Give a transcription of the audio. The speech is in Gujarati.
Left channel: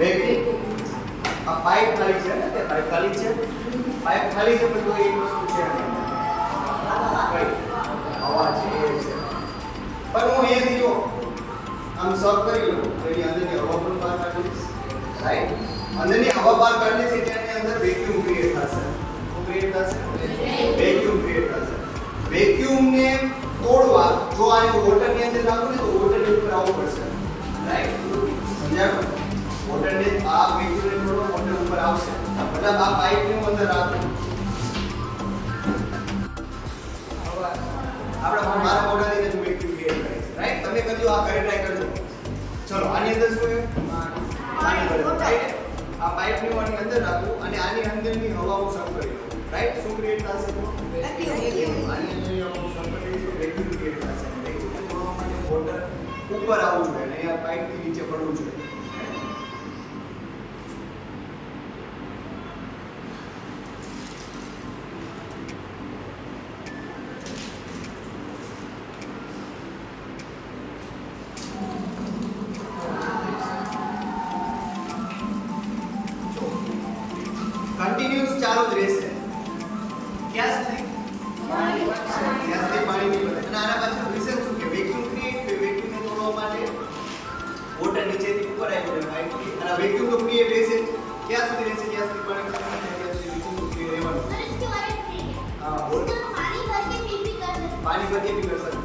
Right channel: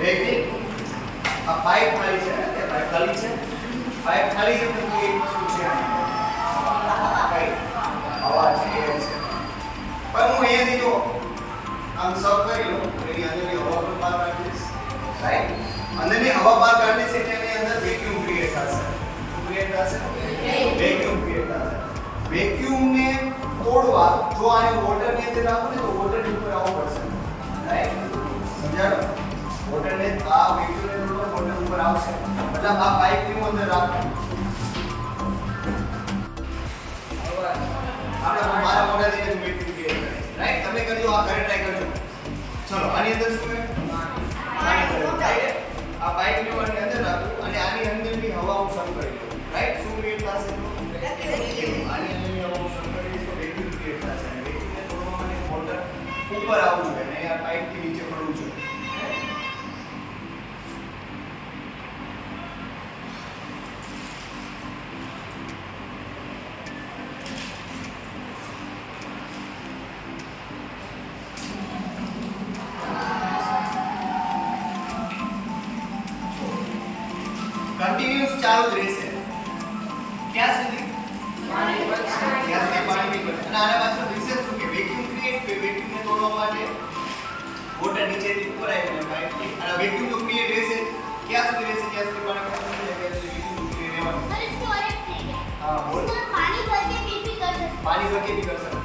વેક્યુમ આ પાઇપ ખાલી છે કે પાઇપ ખાલી છે તો એ શું છે હવા છે એર છે પણ હું એ દીધો આમ સબ કરી લો તો એની અંદરની હવા પણ બહાર કાઢી દઈશ રાઈટ અંદરની હવા બહાર કાઢી દઈશ એટલે એની અંદર વેક્યુમ ક્રિએટ થશે શું ક્રિએટ થશે વેક્યુમ ક્રિએટ થશે વેક્યુમ ને તોડવા જો આને વોટર ની અંદર રાખો ને તો વોટર ની ઉપર આવવું પડશે રાઈટ સમજાણો વોટર ને આ વેક્યુમ ને તોડવા વોટર ઉપર આવશે મતલબ આ પાઇપ ની અંદર રાખો આપણે મારા મોઢા થી વેક્યુમ ક્રિએટ કરે રાઈટ તમે કરજો આ કરે ટ્રાય કરજો ચલો આની અંદર શું છે પાણી ભરેલું રાઈટ આ પાઇપ ની અંદર રાખો અને આની અંદરની હવા હું શરૂ કરી દઉં રાઈટ શું ક્રિએટ થશે તો આની અંદરની હવા હું શરૂ કરીશ તો વેક્યુમ ક્રિએટ થશે અને વેક્યુમ ને તોડવા માટે વોટર ઉપર આવવું જોઈએ અને આ પાઇપ થી નીચે પડવું જોઈએ કન્ટિન્યુઅસ ચાલુ જ રહેશે ક્યાં સુધી પાણી નહીં પડે અને આના પાછળ રીઝન શું કે વેક્યુમ ક્રિએટ વેક્યુમ ને તોડવા માટે વોટર નીચેથી ઉપર આવી જાય પાઇપ થી અને વેક્યુમ તો ક્રિએટ રહેશે ક્યાં સુધી રહેશે જ્યાં સુધી પાણી ખતમ ન થાય ત્યાં સુધી વેક્યુમ ક્રિએટ રહેવાનું હા બોલ પાણી ભર કે भी कर सकते